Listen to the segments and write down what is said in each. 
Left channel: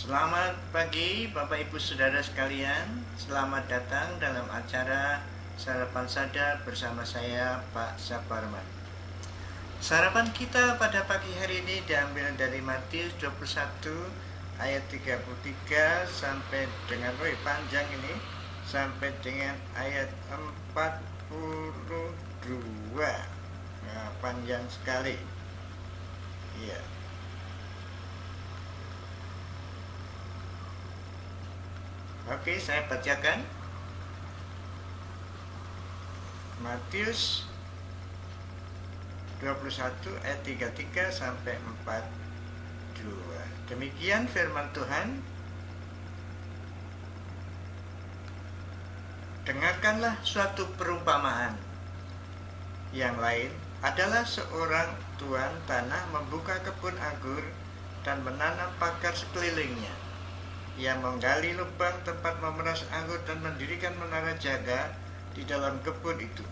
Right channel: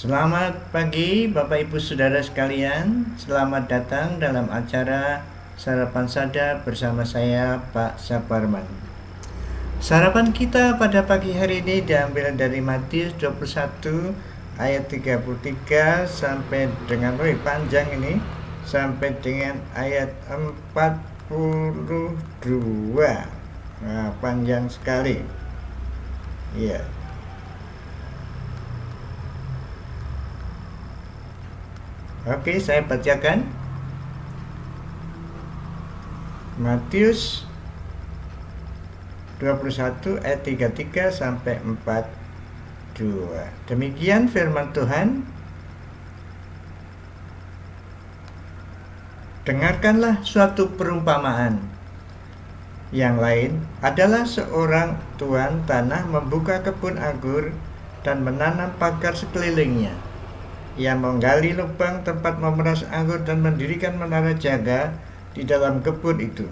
Selamat pagi Bapak Ibu Saudara sekalian. Selamat datang dalam acara Sarapan Sadar bersama saya Pak Saparman. Sarapan kita pada pagi hari ini diambil dari Matius 21 ayat 33 sampai dengan panjang ini sampai dengan ayat 42. Nah, panjang sekali. Iya. Oke, saya bacakan Matius 21 ayat 33 sampai 42. Demikian firman Tuhan. Dengarkanlah suatu perumpamaan. Yang lain adalah seorang tuan tanah membuka kebun anggur dan menanam pagar sekelilingnya. Ia menggali lubang tempat memeras anggur dan mendirikan menara jaga di dalam kebun itu.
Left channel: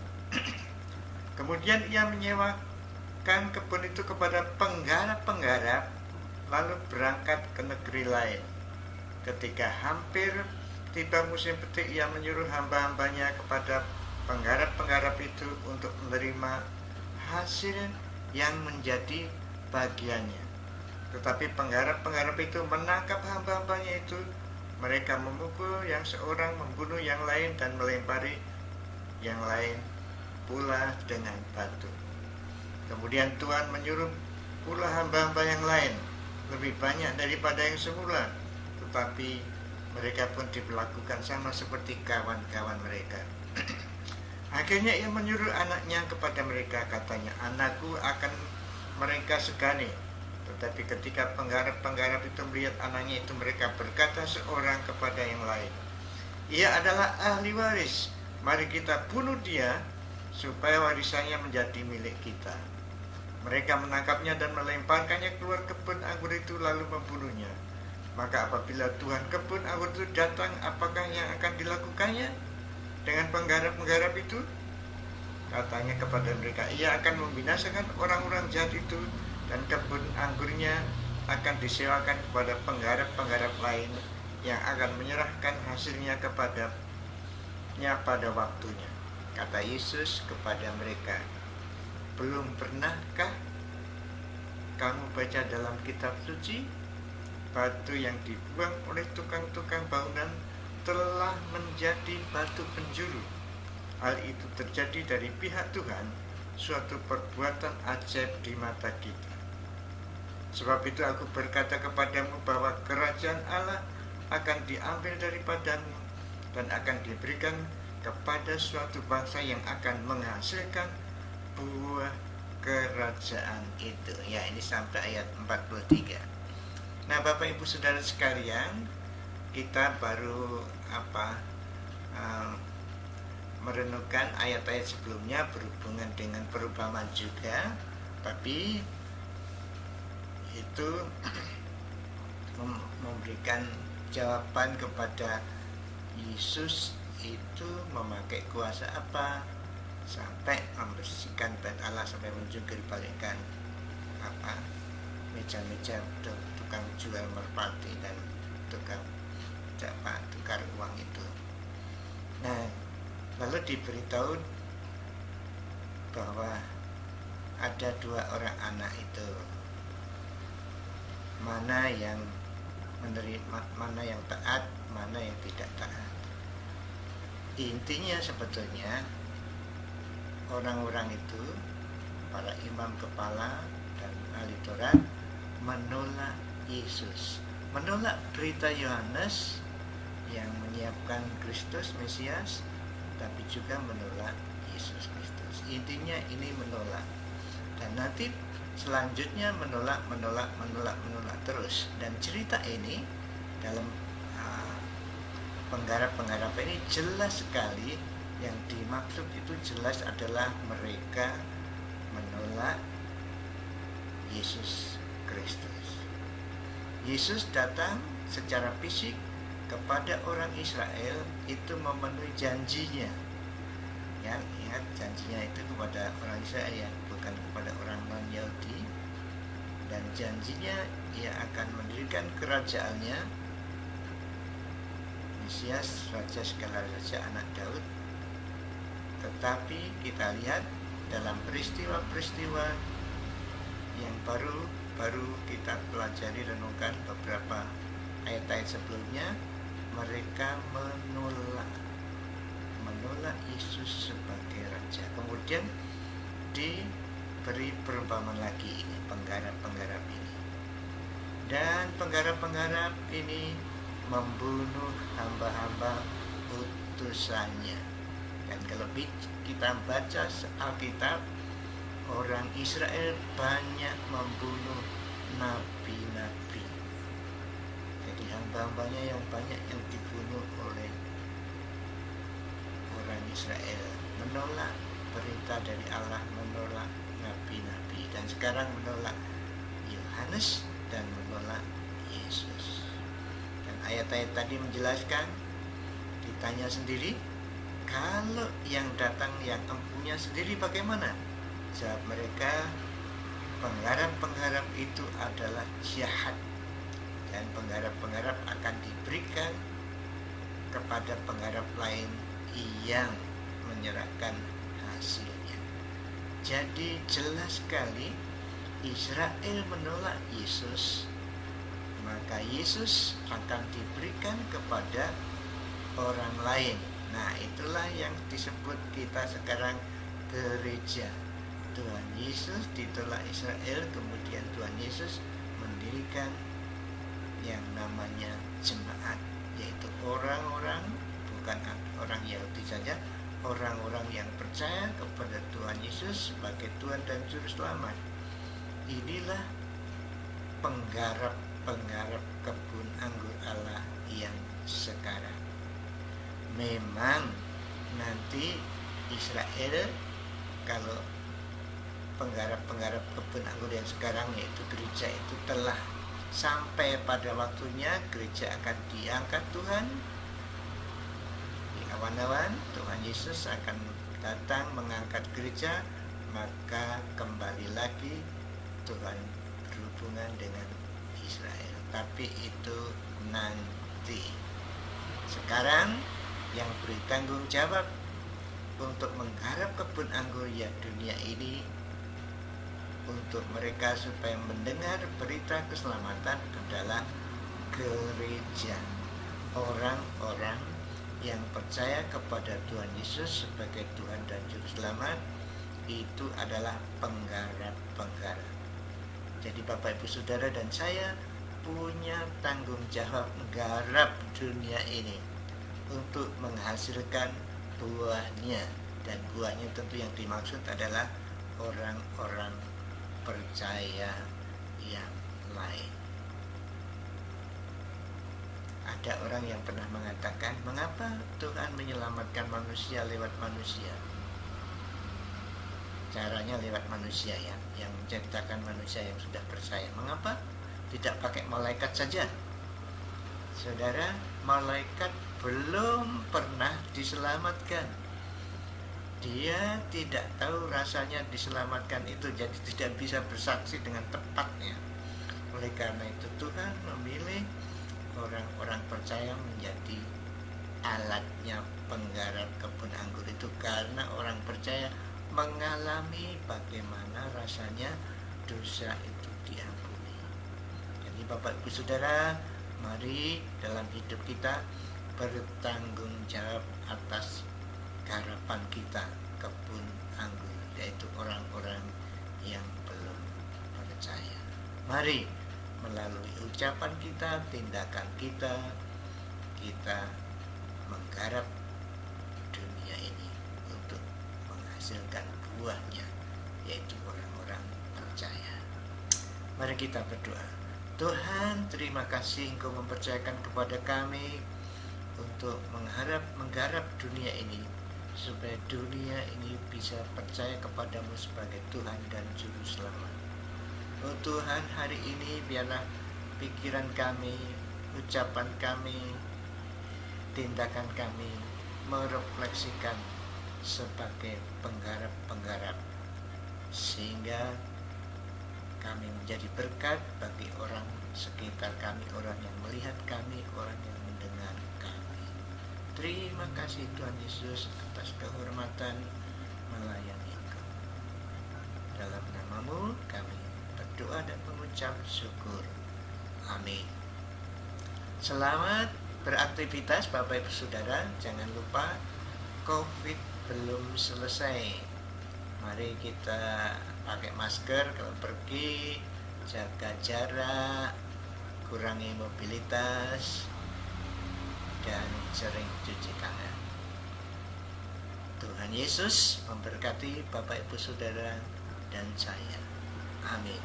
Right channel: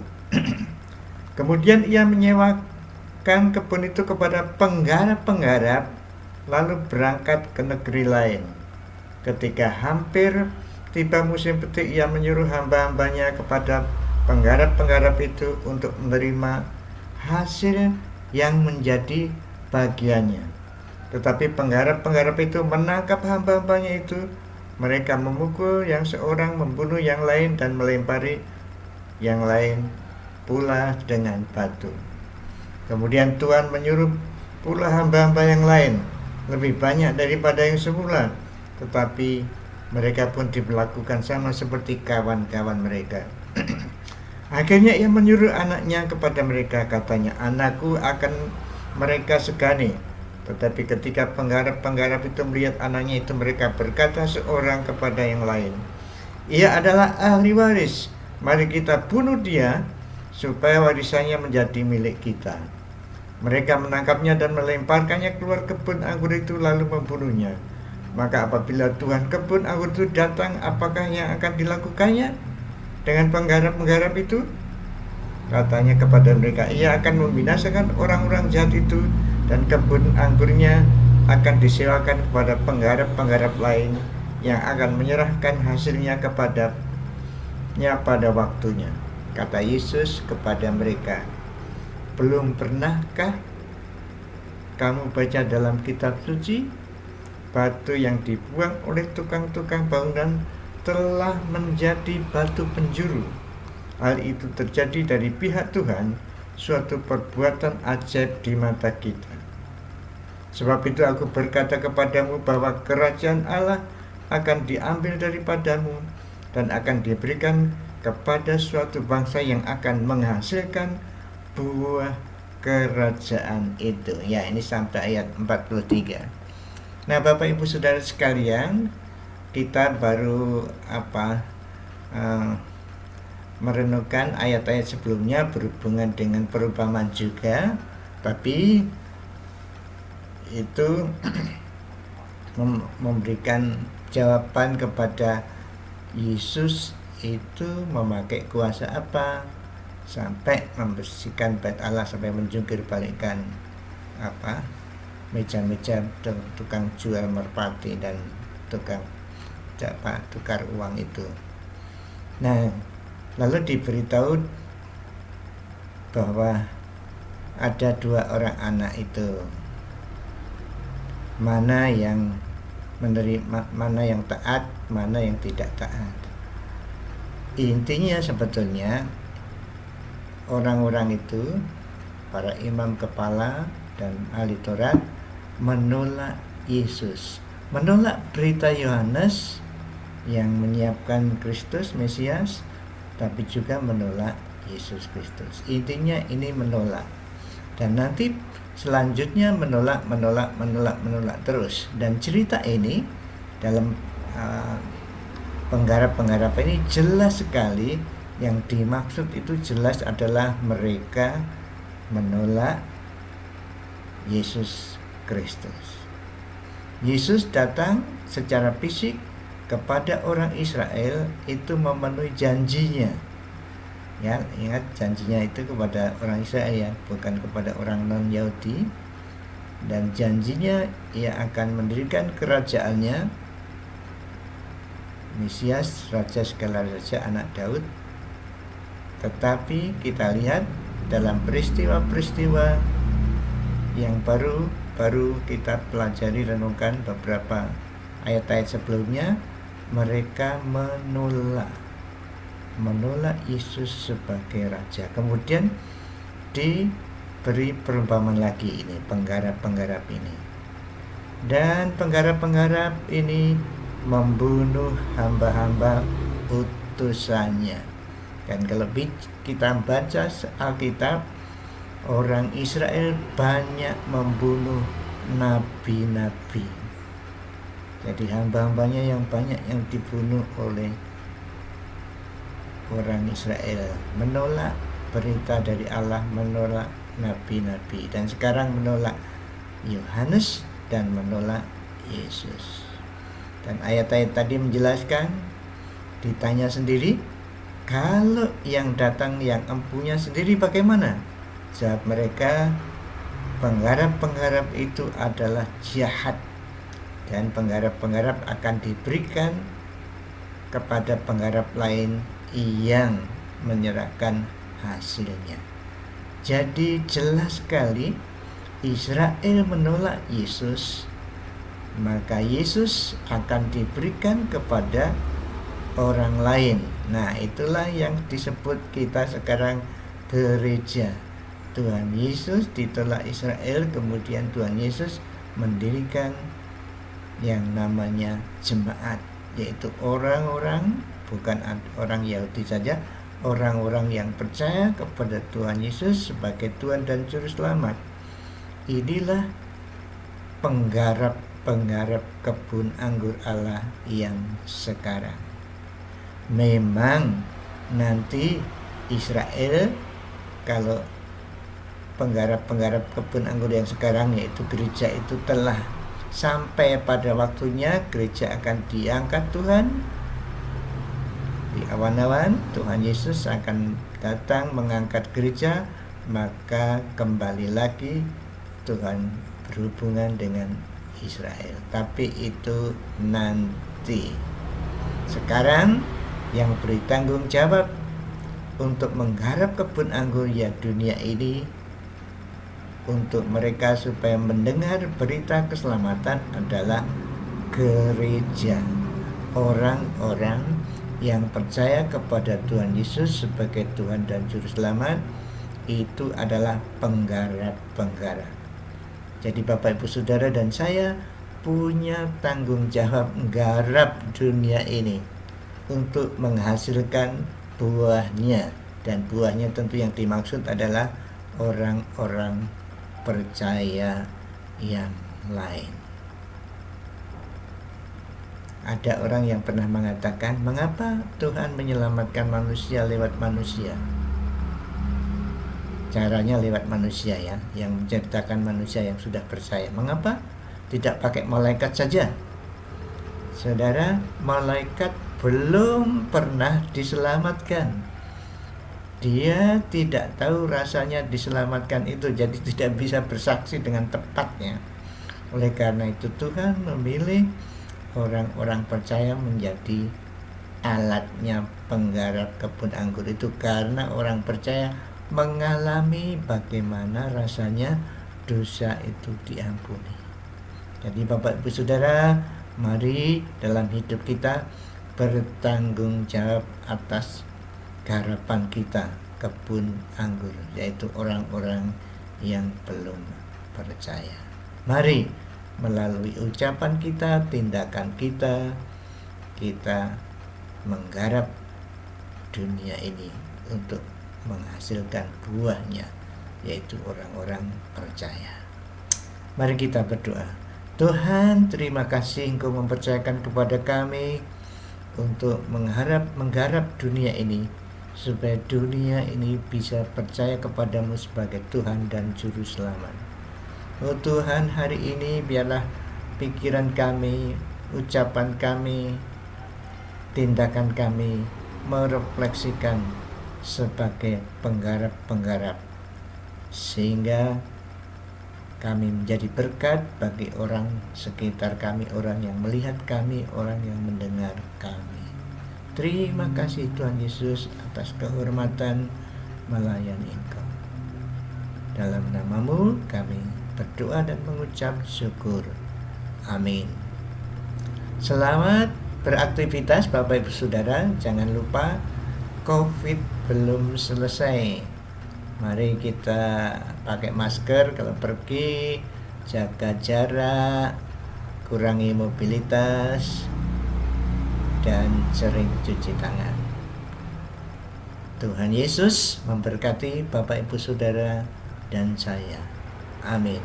Kemudian ia menyewakan kebun itu kepada penggarap-penggarap, lalu berangkat ke negeri lain. Ketika hampir tiba musim petik, ia menyuruh hamba-hambanya kepada penggarap-penggarap itu untuk menerima hasil yang menjadi bagiannya. Tetapi penggarap-penggarap itu menangkap hamba-hambanya itu. Mereka memukul yang seorang, membunuh yang lain, dan melempari yang lain pula dengan batu. Kemudian Tuhan menyuruh pula hamba-hamba yang lain, lebih banyak daripada yang semula. Tetapi mereka pun diperlakukan sama seperti kawan-kawan mereka. Akhirnya ia menyuruh anaknya kepada mereka, katanya, "Anakku akan mereka segani." Tetapi ketika penggarap-penggarap itu melihat anaknya itu, mereka berkata seorang kepada yang lain, "Ia adalah ahli waris, mari kita bunuh dia, supaya warisannya menjadi milik kita." Mereka menangkapnya dan melemparkannya keluar kebun anggur itu, lalu membunuhnya. Maka apabila Tuhan kebun anggur itu datang, apakah yang akan dilakukannya dengan penggarap-penggarap itu? Katanya kepada mereka, ia akan membinasakan orang-orang jahat itu, dan kebun anggurnya akan disewakan kepada penggarap-penggarap lain yang akan menyerahkan hasilnya kepadanya pada waktunya. Kata Yesus kepada mereka, "Belum pernahkah kamu baca dalam kitab suci, batu yang dibuang oleh tukang-tukang bangunan telah menjadi batu penjuru? Hal itu terjadi dari pihak Tuhan, suatu perbuatan ajaib di mata kita. Sebab itu aku berkata kepadamu bahwa kerajaan Allah akan diambil daripadamu dan akan diberikan kepada suatu bangsa yang akan menghasilkan buah kerajaan itu." Ya, ini sampai ayat 43. Nah, Bapak Ibu Saudara sekalian, kita baru merenungkan ayat-ayat sebelumnya berhubungan dengan perumpamaan juga, tapi itu memberikan jawaban kepada Yesus itu memakai kuasa apa sampai membersihkan bait Allah, sampai menjungkir balikkan meja-meja tukang jual merpati dan tukang tukar uang itu. Nah, lalu diberitahu bahwa ada dua orang anak itu, mana yang menerima, mana yang taat, mana yang tidak taat. Intinya sebetulnya orang-orang itu, para imam kepala dan ahli Taurat, menolak Yesus, menolak berita Yohanes yang menyiapkan Kristus Mesias, tapi juga menolak Yesus Kristus. Intinya ini menolak. Dan nanti selanjutnya menolak terus. Dan cerita ini dalam penggarap-penggarap ini jelas sekali, yang dimaksud itu jelas adalah mereka menolak Yesus Kristus. Yesus datang secara fisik kepada orang Israel itu memenuhi janjinya. Ya, ingat janjinya itu kepada orang Israel, ya, bukan kepada orang non-Yahudi. dan janjinya ia akan mendirikan kerajaannya, Mesias, Raja segala raja, anak Daud. Tetapi kita lihat dalam peristiwa-peristiwa yang baru kita pelajari, renungkan beberapa ayat-ayat sebelumnya, mereka menolak Yesus sebagai raja. Kemudian diberi perumpamaan lagi ini, penggarap-penggarap ini. Dan penggarap-penggarap ini membunuh hamba-hamba utusannya. Dan kalau kita baca Alkitab, orang Israel banyak membunuh nabi-nabi. Jadi hamba-hambanya yang banyak yang dibunuh oleh orang Israel, menolak perintah dari Allah, menolak nabi-nabi, dan sekarang menolak Yohanes dan menolak Yesus. Dan ayat-ayat tadi menjelaskan, ditanya sendiri, kalau yang datang yang empunya sendiri bagaimana? Jawab mereka, penggarap-penggarap itu adalah jahat, dan penggarap-penggarap akan diberikan kepada penggarap lain yang menyerahkan hasilnya. Jadi jelas sekali Israel menolak Yesus, maka Yesus akan diberikan kepada orang lain. Nah, itulah yang disebut kita sekarang gereja. Tuhan Yesus ditolak Israel, kemudian Tuhan Yesus mendirikan yang namanya jemaat, yaitu orang-orang, bukan orang Yahudi saja, orang-orang yang percaya kepada Tuhan Yesus sebagai Tuhan dan Juru Selamat. Inilah penggarap kebun anggur Allah yang sekarang. Memang nanti Israel, kalau penggarap kebun anggur yang sekarang, yaitu gereja, itu telah sampai pada waktunya, gereja akan diangkat Tuhan di awan-awan. Tuhan Yesus akan datang mengangkat gereja, maka kembali lagi Tuhan berhubungan dengan Israel. Tapi itu nanti. Sekarang yang beri tanggung jawab untuk menggarap kebun anggur ya dunia ini, untuk mereka supaya mendengar berita keselamatan adalah gereja. Orang-orang yang percaya kepada Tuhan Yesus sebagai Tuhan dan Juru Selamat, itu adalah penggarap-penggarap. Jadi Bapak Ibu Saudara dan saya punya tanggung jawab menggarap dunia ini untuk menghasilkan buahnya. Dan buahnya tentu yang dimaksud adalah orang-orang percaya yang lain. Ada orang yang pernah mengatakan, mengapa Tuhan menyelamatkan manusia lewat manusia? Caranya lewat manusia ya, yang menceritakan manusia yang sudah percaya. Mengapa tidak pakai malaikat saja? Saudara, malaikat belum pernah diselamatkan. Dia tidak tahu rasanya diselamatkan itu, jadi tidak bisa bersaksi dengan tepatnya. Oleh karena itu Tuhan memilih orang-orang percaya menjadi alatnya penggarap kebun anggur itu, karena orang percaya mengalami bagaimana rasanya dosa itu diampuni. Jadi Bapak Ibu Saudara, mari dalam hidup kita bertanggung jawab atas garapan kita kebun anggur, yaitu orang-orang yang belum percaya. Mari melalui ucapan kita, tindakan kita menggarap dunia ini untuk menghasilkan buahnya, yaitu orang-orang percaya. Mari kita berdoa. Tuhan, terima kasih Engkau mempercayakan kepada kami untuk menggarap dunia ini, supaya dunia ini bisa percaya kepadamu sebagai Tuhan dan Juru Selamat. Oh Tuhan, hari ini biarlah pikiran kami, ucapan kami, tindakan kami merefleksikan sebagai penggarap-penggarap, sehingga Kami menjadi berkat bagi orang sekitar kami, orang yang melihat kami, orang yang mendengar kami. Terima kasih Tuhan Yesus atas kehormatan melayani Engkau. Dalam namamu kami berdoa dan mengucap syukur. Amin. Selamat beraktivitas Bapak Ibu Saudara. Jangan lupa COVID belum selesai. Mari kita pakai masker kalau pergi, jaga jarak, kurangi mobilitas, dan sering cuci tangan. Tuhan Yesus memberkati Bapak Ibu Saudara dan saya. Amin.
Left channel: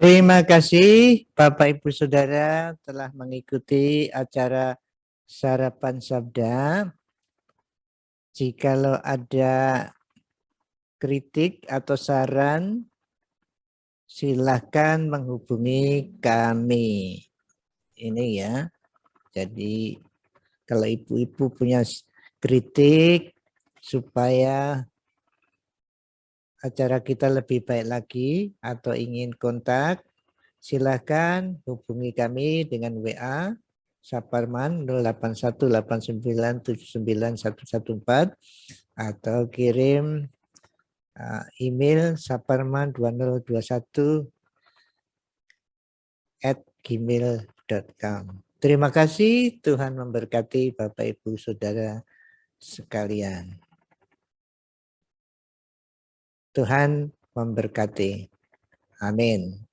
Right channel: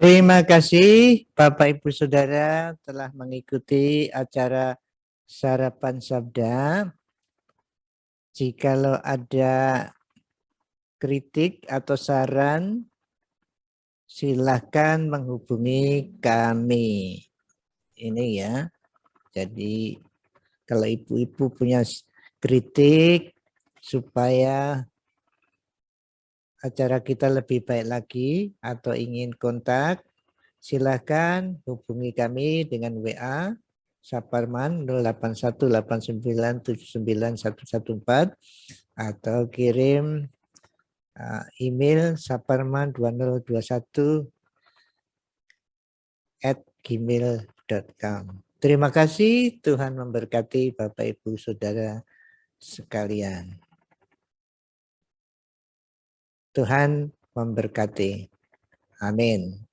Terima kasih Bapak Ibu Saudara telah mengikuti acara Sarapan Sabda. Jikalau ada kritik atau saran, silakan menghubungi kami. Ini ya. Jadi kalau ibu-ibu punya kritik supaya acara kita lebih baik lagi atau ingin kontak, silakan hubungi kami dengan WA Saparman 0818979114 atau kirim email saparman2021@gmail.com. Terima kasih, Tuhan memberkati Bapak Ibu Saudara sekalian. Tuhan memberkati. Amin.